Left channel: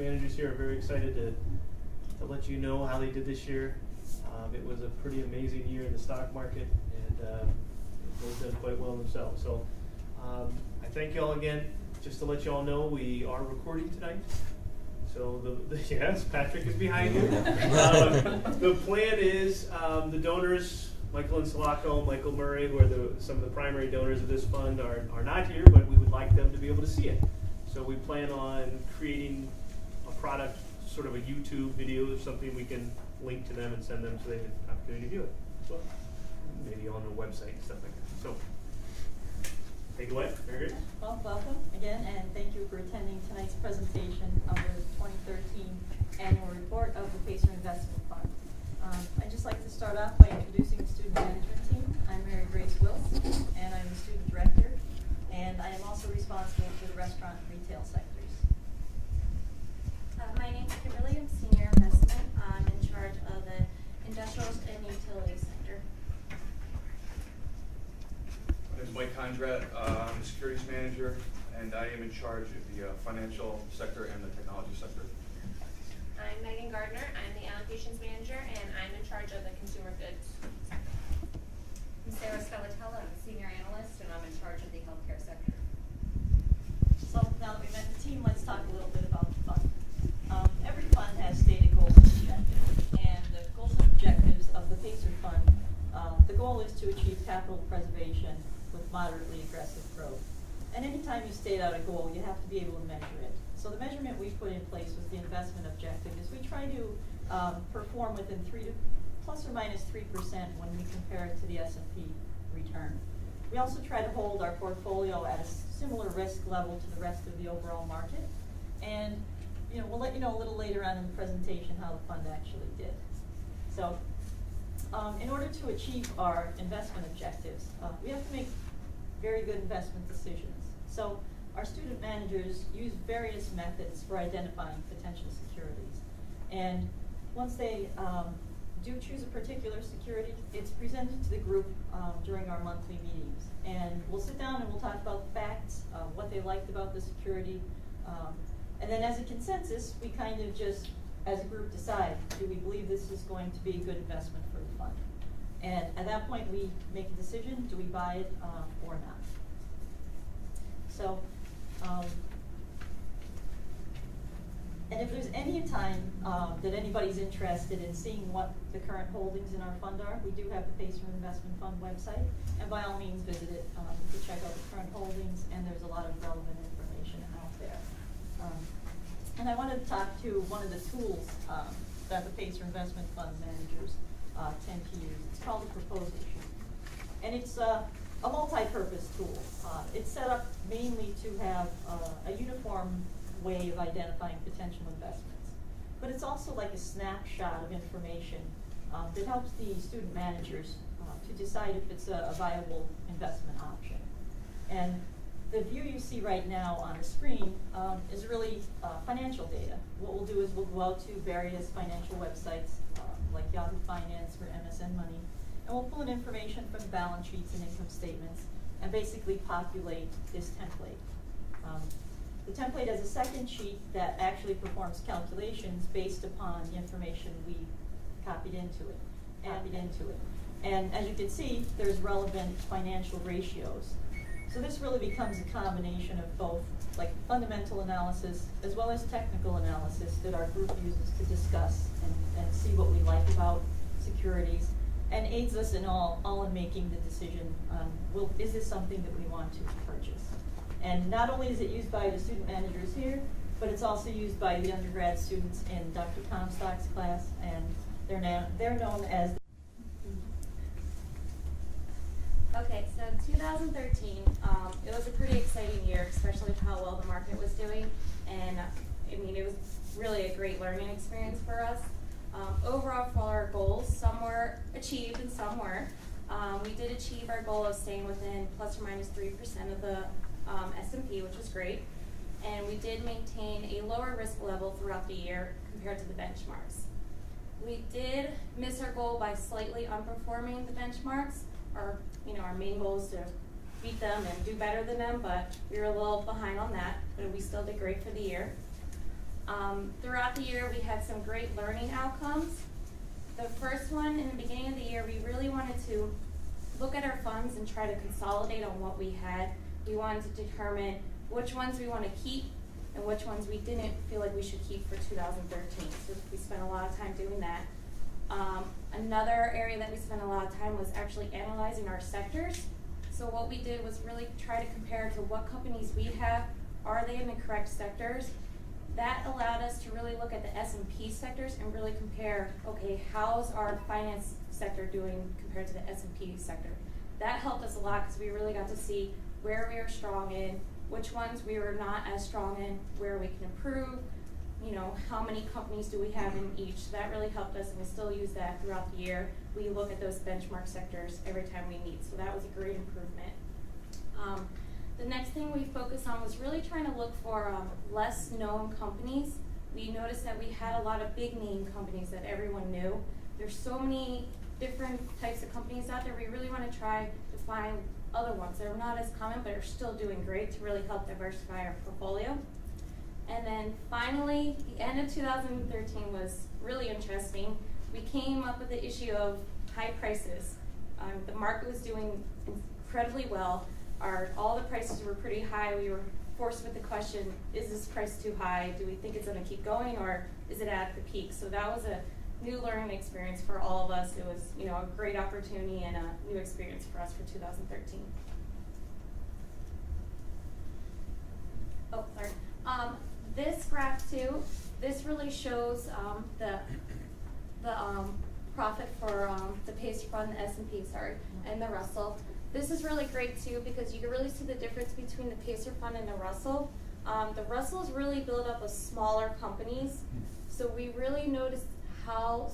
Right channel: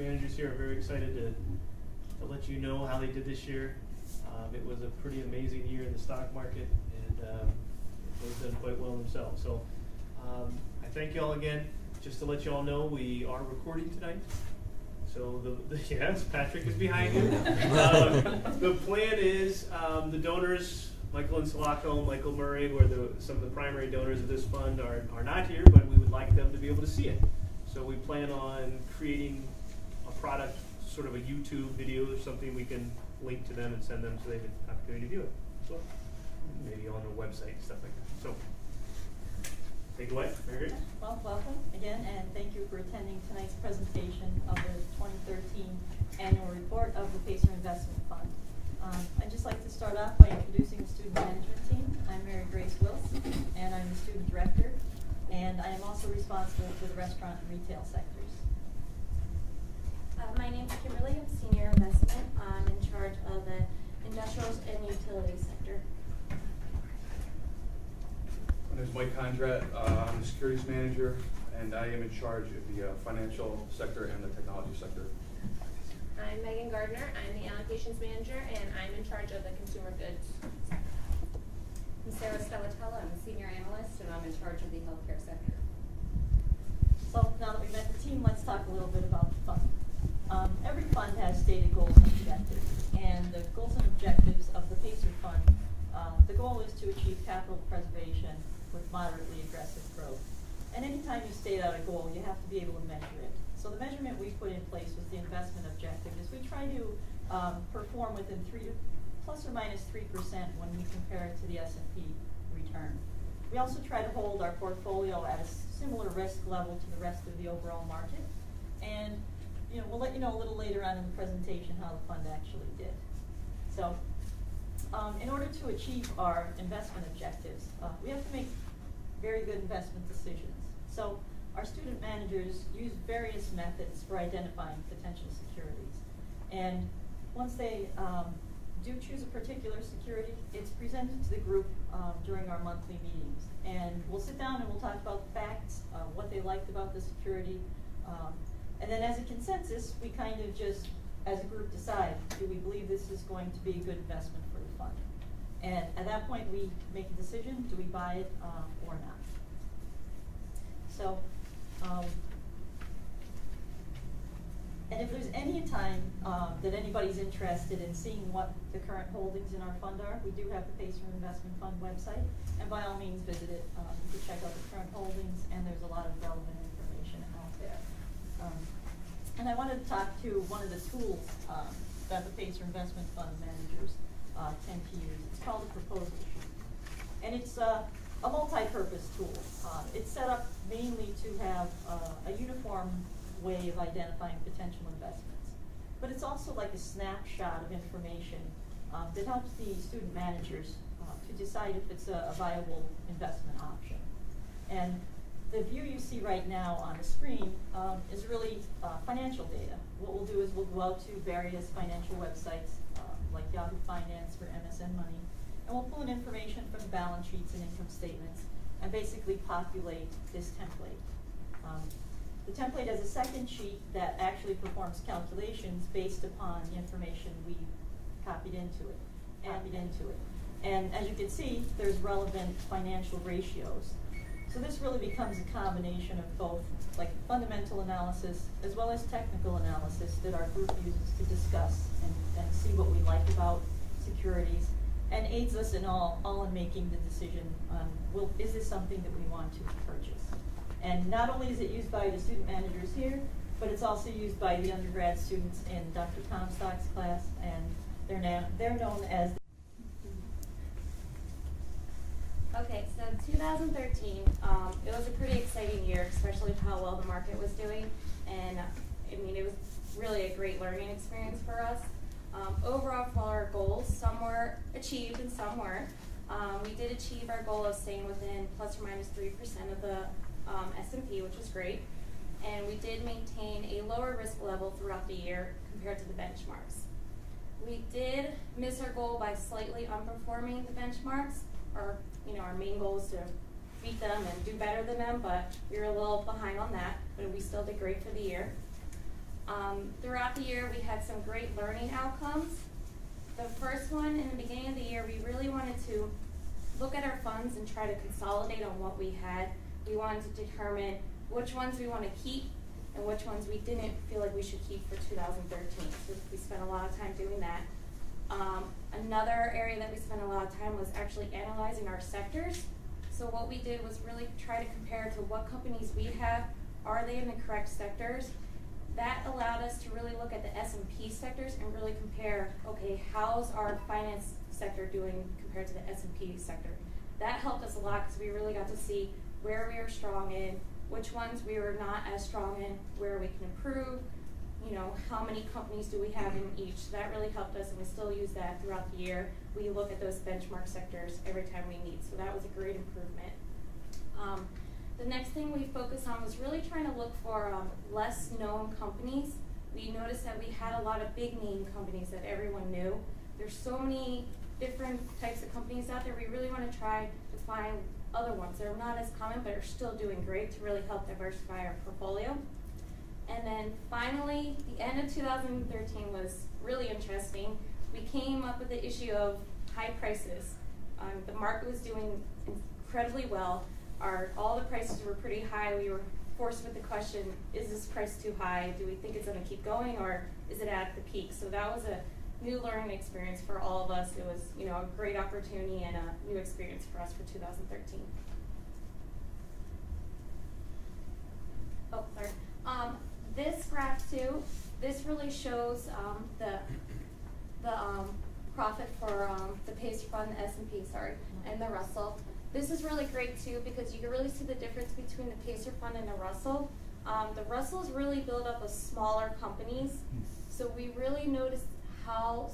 managers here are very excited to let you know how they did this year. It was a pretty amazing year in the stock market, and they've done quite well themselves. So I thank you all again. Just to let you all know, we are recording tonight. So yes, Patrick is behind you. The plan is the donors, Michael and Sulaco, Michael Murray, who are some of the primary donors of this fund, are not here, but we would like them to be able to see it. So we plan on creating a product, sort of a YouTube video or something we can link to them and send them so they have an opportunity to view it. So maybe on the website and stuff like that. So take it away. Very good. Well, welcome again, and thank you for attending tonight's presentation of the 2013 annual report of the Pacer Investment Fund. I'd just like to start off by introducing the student management team. I'm Mary Grace Wills, and I'm the student director, and I am also responsible for the restaurant and retail sectors. My name is Kimberly. I'm senior investment. I'm in charge of the industrials and utilities sector. My name is Mike Condrat. I'm the securities manager, and I am in charge of the financial sector and the technology sector. I'm Megan Gardner. I'm the allocations manager, and I'm in charge of the consumer goods. I'm Sarah Spellatella. I'm a senior analyst, and I'm in charge of the healthcare sector. So now that we've met the team, let's talk a little bit about the fund. Every fund has stated goals and objectives, and the goals and objectives of the Pacer Fund, the goal is to achieve capital preservation with moderately aggressive growth. And anytime you state out a goal, you have to be able to measure it. So the measurement we put in place was the investment objective, is we try to perform within plus or minus 3% when we compare it to the S&P return. We also try to hold our portfolio at a similar risk level to the rest of the overall market. And we'll let you know a little later on in the presentation how the fund actually did. So in order to achieve our investment objectives, we have to make very good investment decisions. So our student managers use various methods for identifying potential securities. And once they do choose a particular security, it's presented to the group during our monthly meetings. And we'll sit down and we'll talk about the facts, what they liked about the security. And then as a consensus, we kind of just, as a group, decide, do we believe this is going to be a good investment for the fund? And at that point, we make a decision, do we buy it or not? So, and if there's any time that anybody's interested in seeing what the current holdings in our fund are, we do have the Pacer Investment Fund website, and by all means visit it to check out the current holdings, and there's a lot of relevant information out there. And I wanted to talk to one of the tools that the Pacer Investment Fund managers tend to use. It's called a proposal sheet. And it's a multi-purpose tool. It's set up mainly to have a uniform way of identifying potential investments. But it's also like a snapshot of information that helps the student managers to decide if it's a viable investment option. And the view you see right now on the screen is really financial data. What we'll do is we'll go out to various financial websites like Yahoo Finance or MSN Money, and we'll pull in information from balance sheets and income statements and basically populate this template. The template has a second sheet that actually performs calculations based upon the information we copied into it. And as you can see, there's relevant financial ratios. So this really becomes a combination of both like fundamental analysis as well as technical analysis that our group uses to discuss and see what we like about securities, and aids us in all in making the decision on, is this something that we want to purchase? And not only is it used by the student managers here, but it's also used by the undergrad students in Dr. Comstock's class, and they're known as. Okay, so 2013, it was a pretty exciting year, especially with how well the market was doing, and I mean, it was really a great learning experience for us. Overall, for our goals, some were achieved and some were. We did achieve our goal of staying within plus or minus 3% of the S&P, which was great, and we did maintain a lower risk level throughout the year compared to the benchmarks. We did miss our goal by slightly underperforming the benchmarks. Our main goal is to beat them and do better than them, but we were a little behind on that, but we still did great for the year. Throughout the year, we had some great learning outcomes. The first one, in the beginning of the year, we really wanted to look at our funds and try to consolidate on what we had. We wanted to determine which ones we want to keep and which ones we didn't feel like we should keep for 2013. So we spent a lot of time doing that. Another area that we spent a lot of time was actually analyzing our sectors. So what we did was really try to compare to what companies we have, are they in the correct sectors? That allowed us to really look at the S&P sectors and really compare, okay, how's our finance sector doing compared to the S&P sector? That helped us a lot because we really got to see where we are strong in, which ones we were not as strong in, where we can improve, you know, how many companies do we have in each. So that really helped us, and we still use that throughout the year. We look at those benchmark sectors every time we meet, so that was a great improvement. The next thing we focused on was really trying to look for less known companies. We noticed that we had a lot of big name companies that everyone knew. There's so many different types of companies out there. We really want to try to find other ones that are not as common but are still doing great to really help diversify our portfolio. And then finally, the end of 2013 was really interesting. We came up with the issue of high prices. The market was doing incredibly well. All the prices were pretty high. We were forced with the question, is this price too high? Do we think it's going to keep going, or is it at the peak? So that was a new learning experience for all of us. It was, you know, a great opportunity and a new experience for us for 2013. Oh, sorry. This graph too, this really shows the profit for the Pacer Fund, the S&P, and the Russell. This is really great too because you can really see the difference between the Pacer Fund and the Russell. The Russell's really built up of smaller companies, so we really noticed how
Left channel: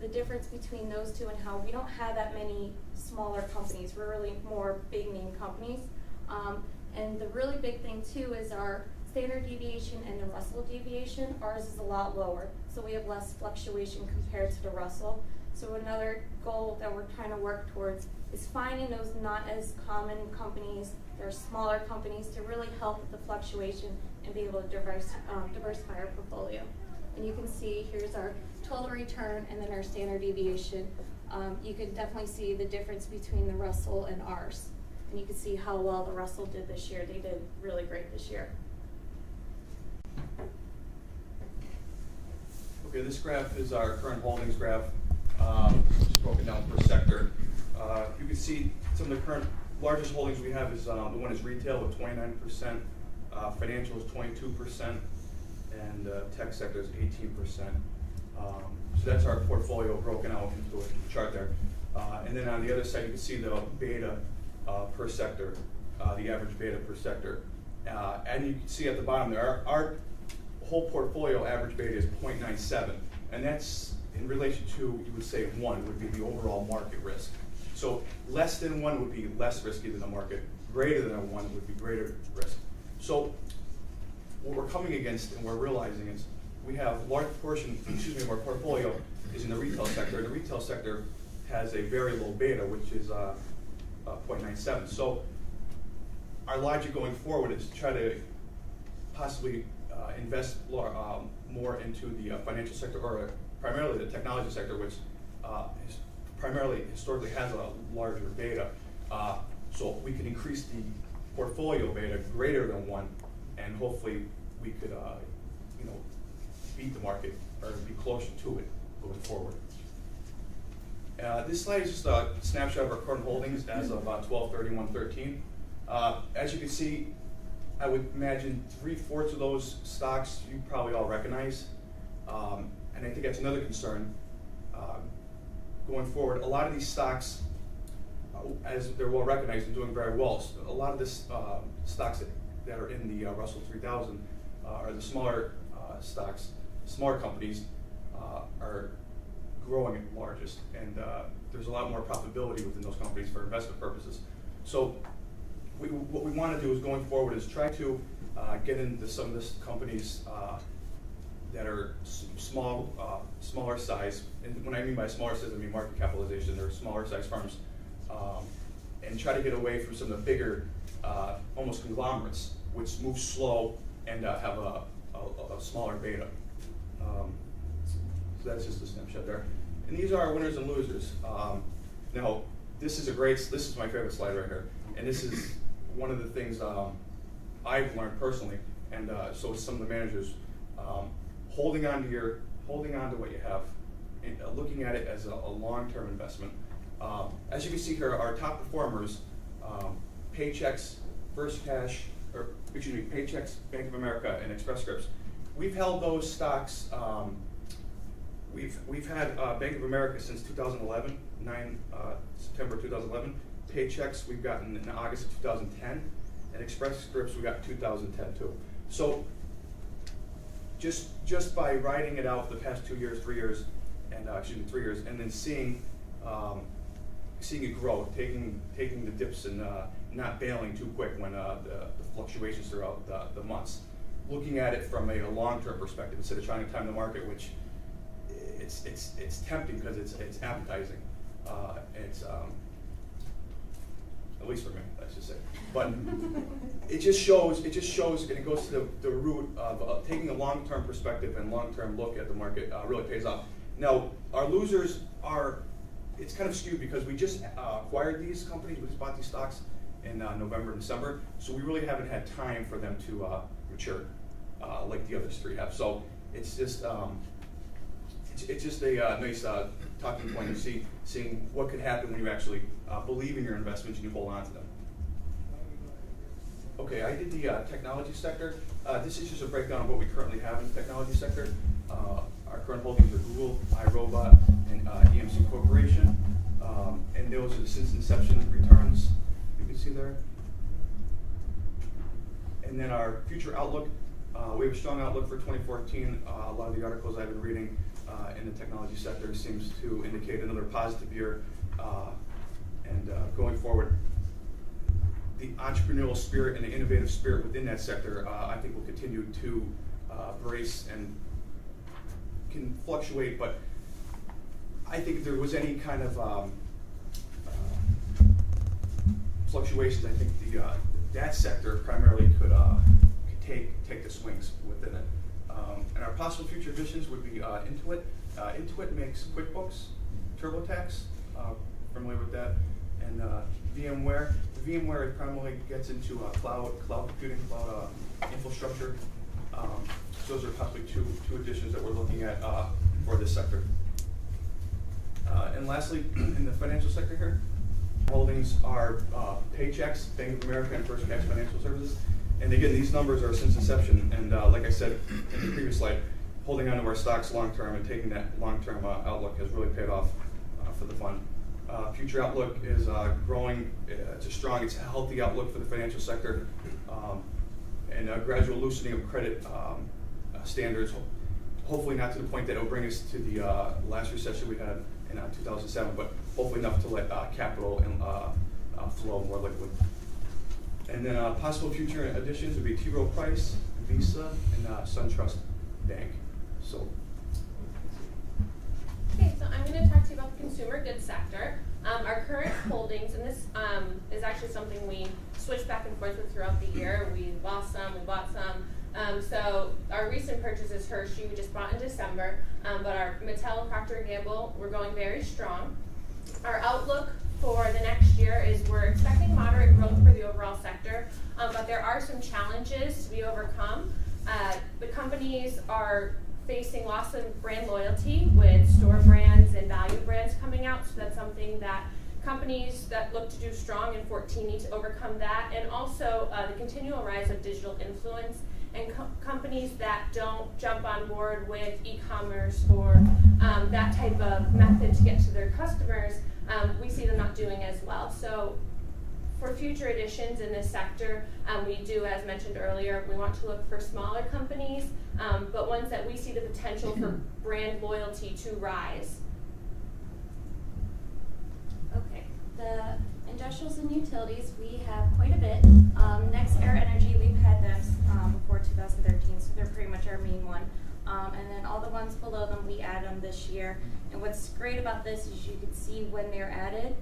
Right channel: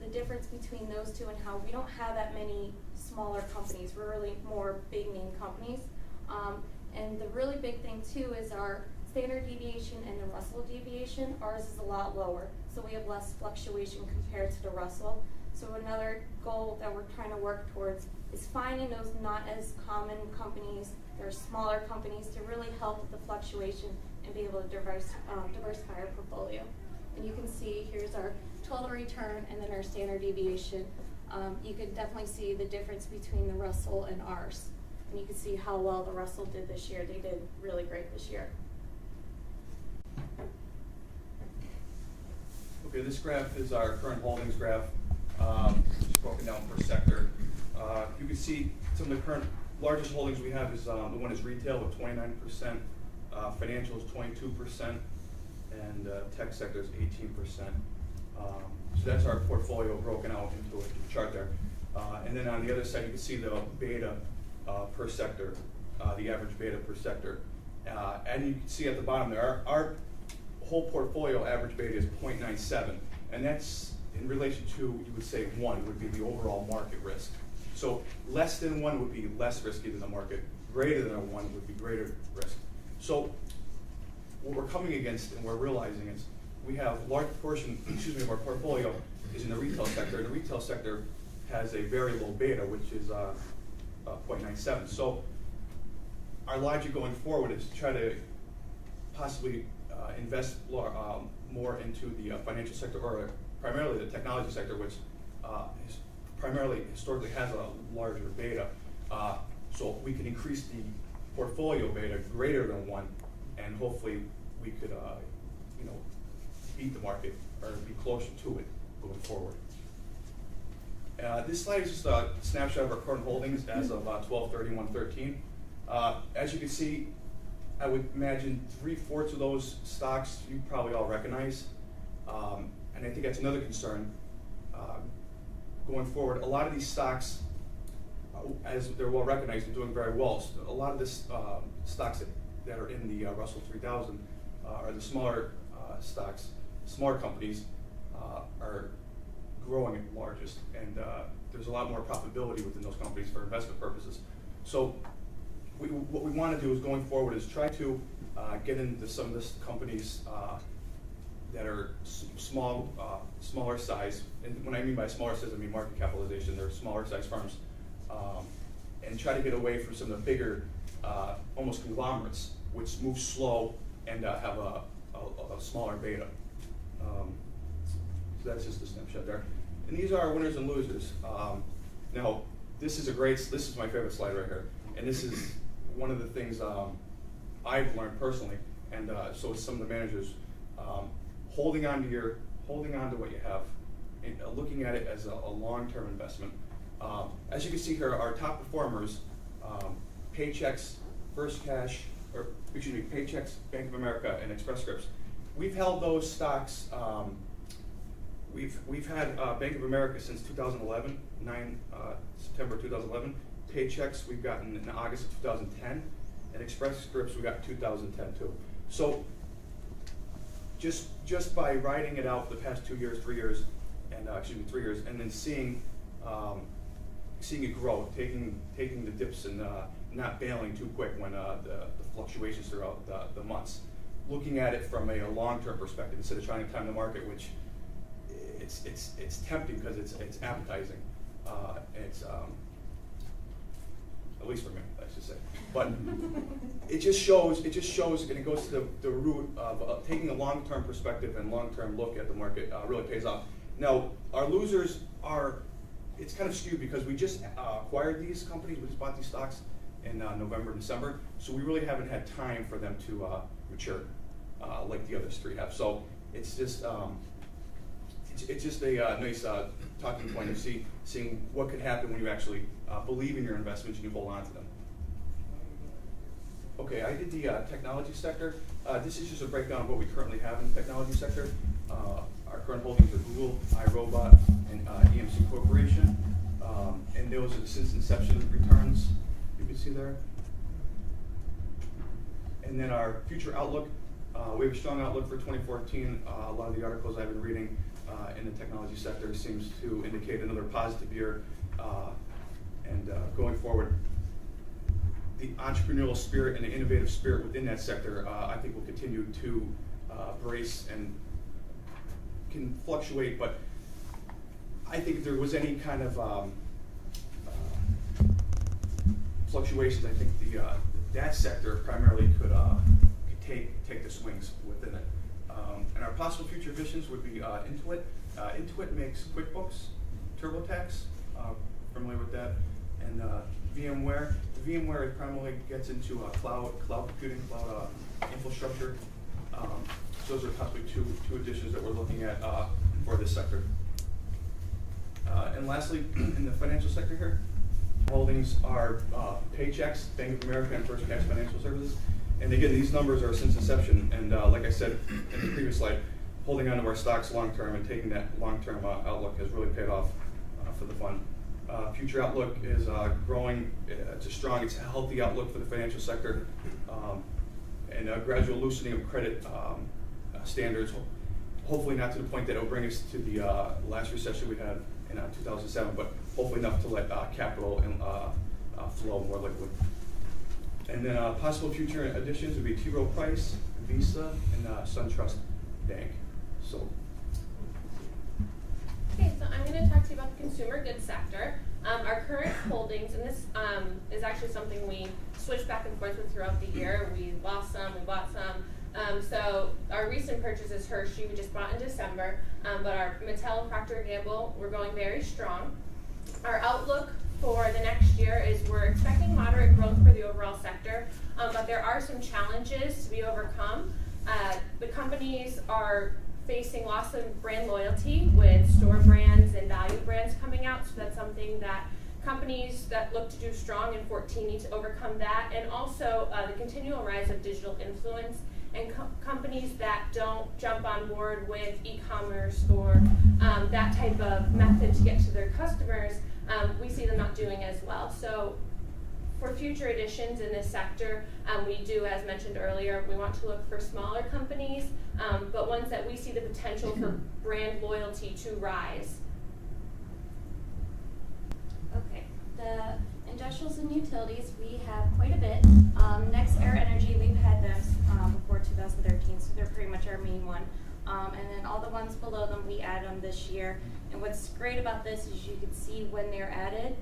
the difference between those two and how we don't have that many smaller companies. We're really more big name companies. And the really big thing too is our standard deviation and the Russell deviation. Ours is a lot lower, so we have less fluctuation compared to the Russell. So another goal that we're trying to work towards is finding those not as common companies, they're smaller companies, to really help with the fluctuation and be able to diversify our portfolio. And you can see here's our total return and then our standard deviation. You can definitely see the difference between the Russell and ours. And you can see how well the Russell did this year. They did really great this year. Okay, this graph is our current holdings graph, just broken down per sector. You can see some of the current largest holdings we have is the one is retail with 29%, financial is 22%, and tech sector is 18%. So that's our portfolio broken out into a chart there. And then on the other side, you can see the beta per sector, the average beta per sector. And you can see at the bottom there, our whole portfolio average beta is 0.97, and that's in relation to, you would say 1 would be the overall market risk. So less than 1 would be less risky than the market, greater than 1 would be greater risk. So what we're coming against and we're realizing is we have a large portion, of our portfolio is in the retail sector, and the retail sector has a very low beta, which is 0.97. So our logic going forward is to try to possibly invest more into the financial sector, or primarily the technology sector, which primarily historically has a larger beta. So we can increase the portfolio beta greater than 1, and hopefully we could beat the market or be closer to it going forward. This slide is just a snapshot of our current holdings as of 12/31/13. As you can see, I would imagine 3/4 of those stocks you probably all recognize, and I think that's another concern going forward. A lot of these stocks, as they're well recognized and doing very well, a lot of this stocks that are in the Russell 3000 are the smaller stocks. Smaller companies are growing at the largest, and there's a lot more profitability within those companies for investment purposes. So what we want to do is going forward is try to get into some of this companies that are smaller size. And when I mean by smaller size, I mean market capitalization. They're smaller size firms, and try to get away from some of the bigger, almost conglomerates, which move slow and have a smaller beta. So that's just a snapshot there. And these are our winners and losers. Now, this is my favorite slide right here. And this is one of the things I've learned personally, and so is some of the managers, holding on to what you have, and looking at it as a long-term investment. As you can see here, our top performers, Paychex, First Cash, Paychex, Bank of America, and Express Scripts. We've held those stocks. We've had Bank of America since 2011, September 2011. Paychex we've gotten in August of 2010, and Express Scripts we got in 2010 too. So just by riding it out the past 2 years, 3 years, and 3 years, and then seeing it grow, taking the dips and not bailing too quick when the fluctuations throughout the months. Looking at it from a long-term perspective instead of trying to time the market, which it's tempting because it's appetizing. It's at least for me, I should say. But it just shows, and it goes to the root of taking a long-term perspective and long-term look at the market really pays off. Now, our losers it's kind of skewed because we just acquired these companies, we just bought these stocks in November and December, so we really haven't had time for them to mature like the others three have. So it's just a nice talking point of seeing what could happen when you actually believe in your investments and you hold on to them. Okay, I did the technology sector. This is just a breakdown of what we currently have in the technology sector. Our current holdings are Google, iRobot, and EMC Corporation. And those are the since inception returns you can see there. And then our future outlook, we have a strong outlook for 2014. A lot of the articles I've been reading in the technology sector seems to indicate another positive year. And going forward, the entrepreneurial spirit and the innovative spirit within that sector, I think will continue to brace and can fluctuate, but I think if there was any kind of fluctuations, I think that sector primarily could take the swings within it. And our possible future additions would be Intuit. Intuit makes QuickBooks, TurboTax, familiar with that, and VMware. VMware primarily gets into cloud computing, cloud infrastructure. So those are possibly two additions that we're looking at for this sector. And lastly, in the financial sector here, holdings are Paychex, Bank of America, and First Cash Financial Services. And again, these numbers are since inception. And like I said in the previous slide, holding on to our stocks long term and taking that long term outlook has really paid off for the fund. Future outlook is growing. It's a healthy outlook for the financial sector, and a gradual loosening of credit standards. Hopefully not to the point that it will bring us to the last recession we had in 2007, but hopefully enough to let capital and flow more liquid. And then possible future additions would be T. Rowe Price, Visa, and SunTrust Bank. So. Okay, so I'm going to talk to you about the consumer goods sector. Our current holdings, and this is actually something we switch back and forth with throughout the year. We lost some, we bought some. So our recent purchases, Hershey, we just bought in December, but our Mattel and Procter & Gamble, we're going very strong. Our outlook for the next year is we're expecting moderate growth for the overall sector, but there are some challenges to be overcome. The companies are facing loss of brand loyalty with store brands and value brands coming out, so that's something that companies that look to do strong in 2014 need to overcome that, and also the continual rise of digital influence and companies that don't jump on board with e-commerce or that type of method to get to their customers, we see them not doing as well. So for future additions in this sector, we do, as mentioned earlier, we want to look for smaller companies, but ones that we see the potential for brand loyalty to rise. Okay, the industrials and utilities, we have quite a bit. Next Air Energy, we've had them before 2013, so they're pretty much our main one. And then all the ones below them, we add them this year. And what's great about this is you can see when they're added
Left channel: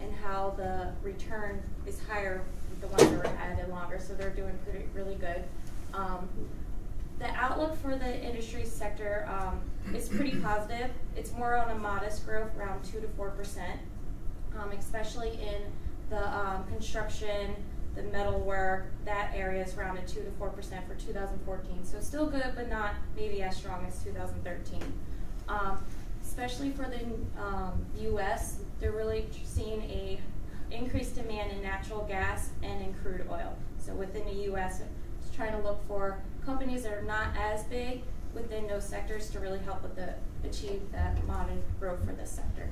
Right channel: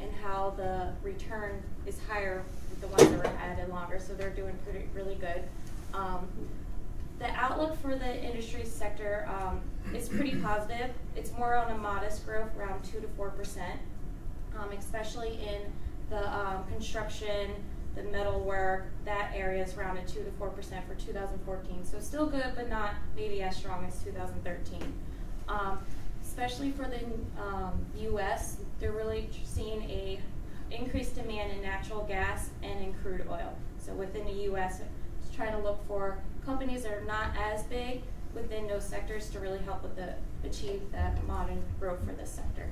and how the return is higher with the ones that were added longer, so they're doing really good. The outlook for the industry sector is pretty positive. It's more on a modest growth, around 2 to 4%, especially in the construction, the metal work. That area is around a 2 to 4% for 2014. So still good, but not maybe as strong as 2013. Especially for the U.S., they're really seeing a increased demand in natural gas and in crude oil. So within the U.S., just trying to look for companies that are not as big within those sectors to really help with achieve that modern growth for this sector.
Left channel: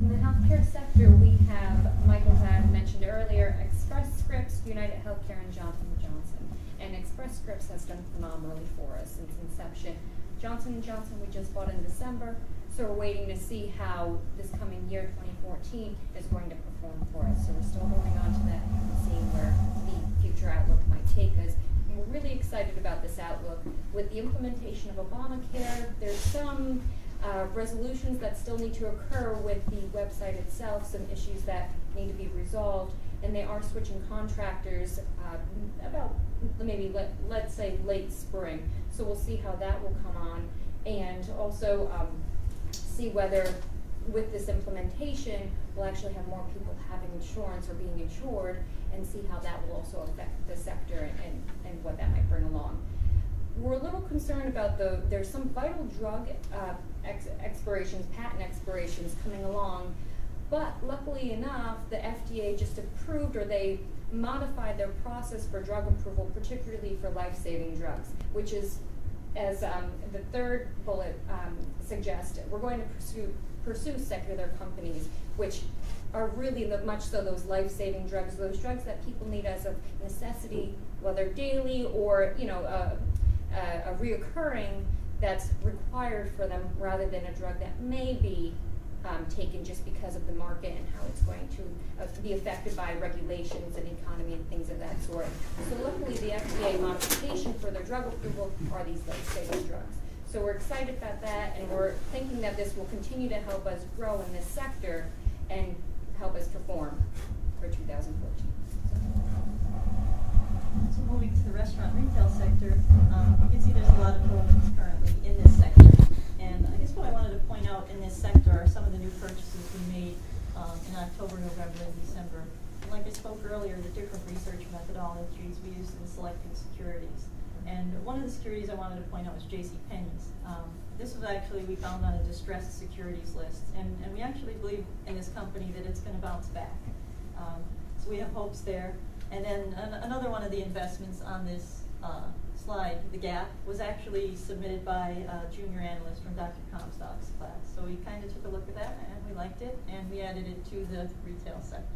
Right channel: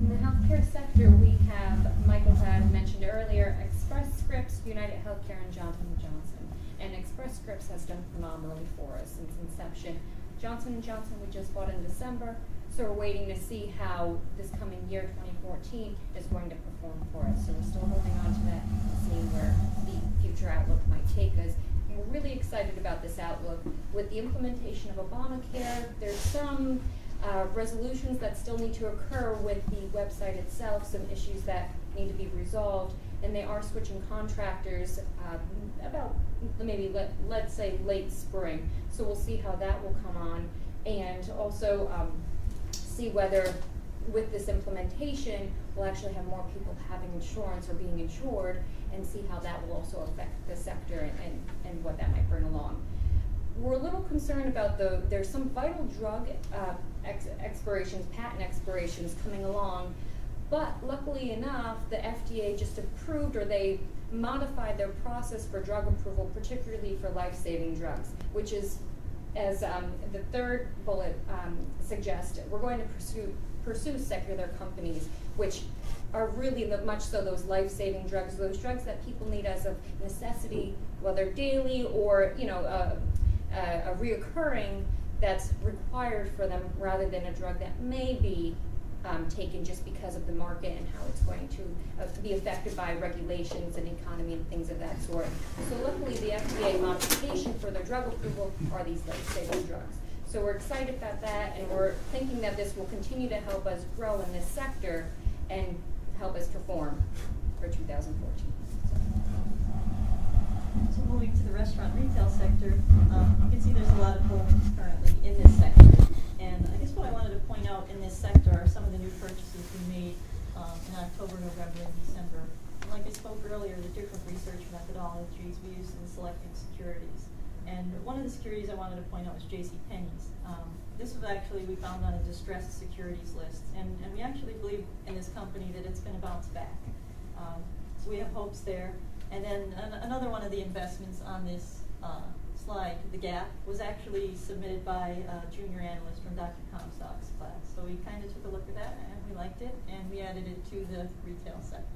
In the healthcare sector, we have, Michael had mentioned earlier, Express Scripts, United Healthcare, and Johnson & Johnson. And Express Scripts has done phenomenally for us since inception. Johnson & Johnson we just bought in December, so we're waiting to see how this coming year, 2014, is going to perform for us. So we're still holding on to that and seeing where the future outlook might take us. And we're really excited about this outlook. With the implementation of Obamacare, there's some resolutions that still need to occur with the website itself, some issues that need to be resolved, and they are switching contractors about maybe let's say late spring. So we'll see how that will come on, and also see whether with this implementation we'll actually have more people having insurance or being insured, and see how that will also affect the sector and what that might bring along. We're a little concerned about there's some vital drug expirations, patent expirations coming along, but luckily enough, the FDA just approved, or they modified their process for drug approval, particularly for life-saving drugs, which is, as the third bullet suggested, we're going to pursue secular companies, which are really much so those life-saving drugs, those drugs that people need as a necessity, whether daily or a reoccurring that's required for them, rather than a drug that may be taken just because of the market and how it's going to be affected by regulations and economy and things of that sort. So luckily the FDA modification for their drug approval are these life-saving drugs. So we're excited about that, and we're thinking that this will continue to help us grow in this sector and help us perform for 2014. So moving to the restaurant retail sector, you can see there's a lot of holdings currently in this sector. And I guess what I wanted to point out in this sector are some of the new purchases we made in October, November, and December. And like I spoke earlier, the different research methodologies we used in selecting securities. And one of the securities I wanted to point out was JCPenney's. This was actually, we found on a distressed securities list. And we actually believe in this company that it's going to bounce back. So we have hopes there. And then another one of the investments on this slide, the Gap, was actually submitted by a junior analyst from Dr. Comstock's class. So we kind of took a look at that, and we liked it, and we added it to the retail sector.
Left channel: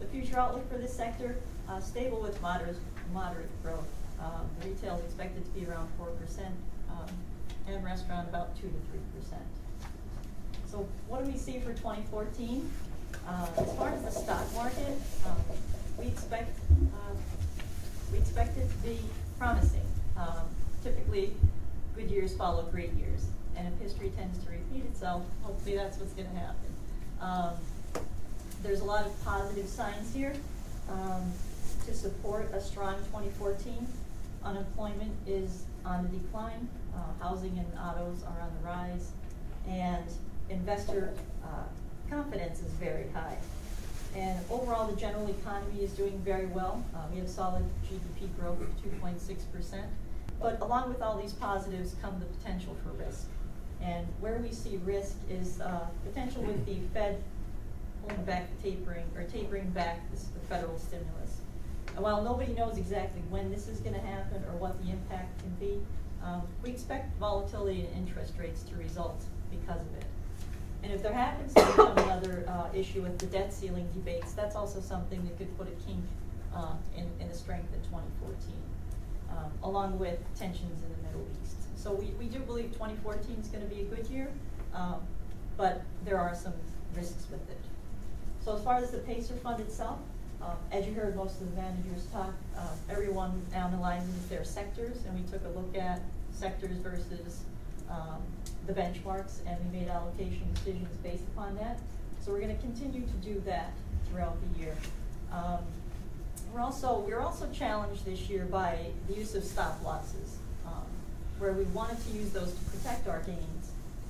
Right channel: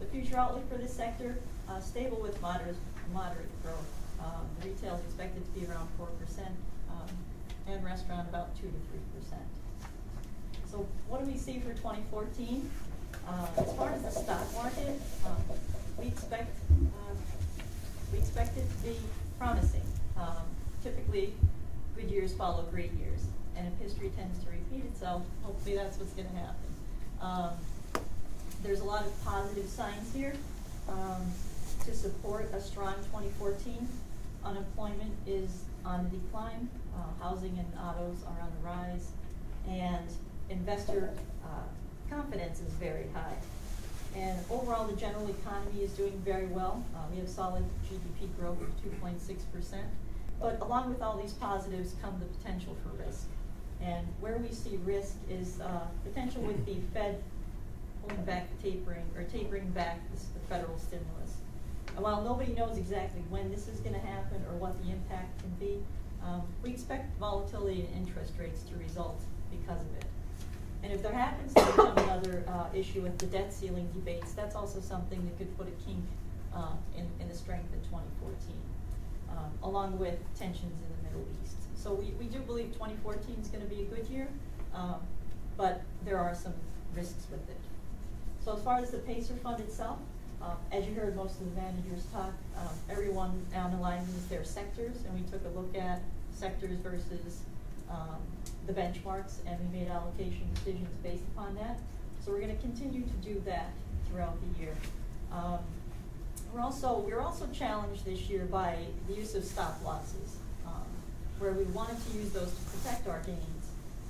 The future outlook for this sector, stable with moderate growth. Retail is expected to be around 4%, and restaurant about 2 to 3%. So what do we see for 2014? As far as the stock market, we expect it to be promising. Typically, good years follow great years, and if history tends to repeat itself, hopefully that's what's going to happen. There's a lot of positive signs here to support a strong 2014. Unemployment is on the decline. Housing and autos are on the rise, and investor confidence is very high. And overall, the general economy is doing very well. We have solid GDP growth of 2.6%. But along with all these positives come the potential for risk. And where we see risk is potential with the Fed holding back the tapering back the federal stimulus. And while nobody knows exactly when this is going to happen or what the impact can be, we expect volatility in interest rates to result because of it. And if there happens to become another issue with the debt ceiling debates, that's also something that could put a kink in the strength in 2014, along with tensions in the Middle East. So we do believe 2014 is going to be a good year, but there are some risks with it. So as far as the PACER fund itself, as you heard most of the managers talk, everyone analyzes their sectors, and we took a look at sectors versus the benchmarks, and we made allocation decisions based upon that. So we're going to continue to do that throughout the year. We're also challenged this year by the use of stop losses, where we wanted to use those to protect our gains.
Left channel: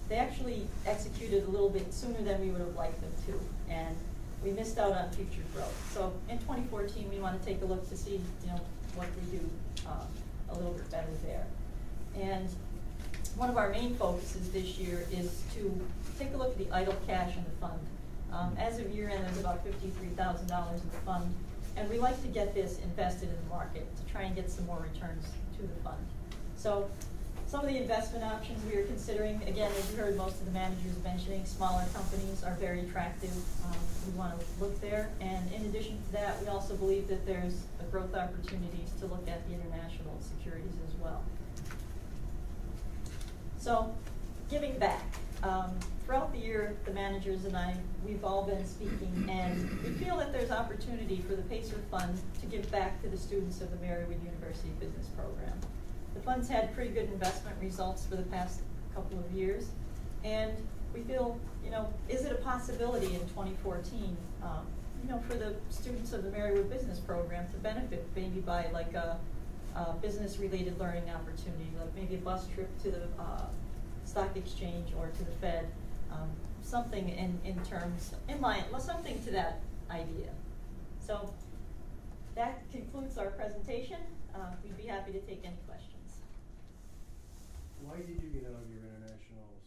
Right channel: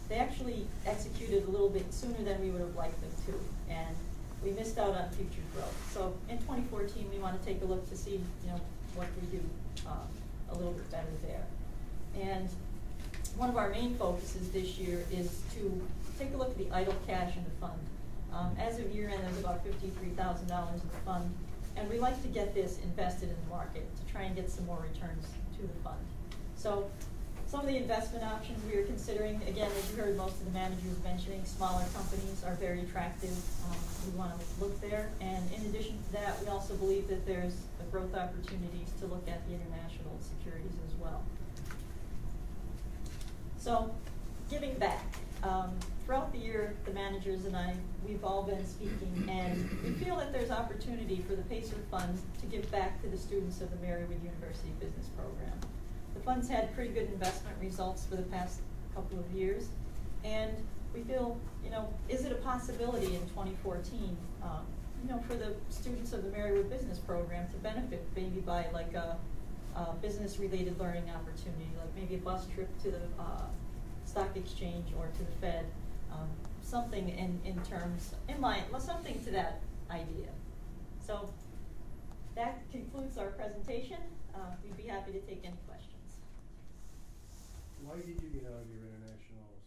They actually executed a little bit sooner than we would have liked them to, and we missed out on future growth. So in 2014, we want to take a look to see, what we do a little bit better there. And one of our main focuses this year is to take a look at the idle cash in the fund. As of year end, there's about $53,000 in the fund, and we like to get this invested in the market to try and get some more returns to the fund. So some of the investment options we are considering, again, as you heard most of the managers mentioning, smaller companies are very attractive. We want to look there. And in addition to that, we also believe that there's growth opportunities to look at the international securities as well. So, giving back. Throughout the year, the managers and I, we've all been speaking, and we feel that there's opportunity for the PACER Fund to give back to the students of the Marywood University Business Program. The fund's had pretty good investment results for the past couple of years, and we feel, is it a possibility in 2014, for the students of the Marywood Business Program to benefit maybe by like a business-related learning opportunity, like maybe a bus trip to the stock exchange or to the Fed, something something to that idea. So that concludes our presentation. We'd be happy to take any questions. Why did you get out of your international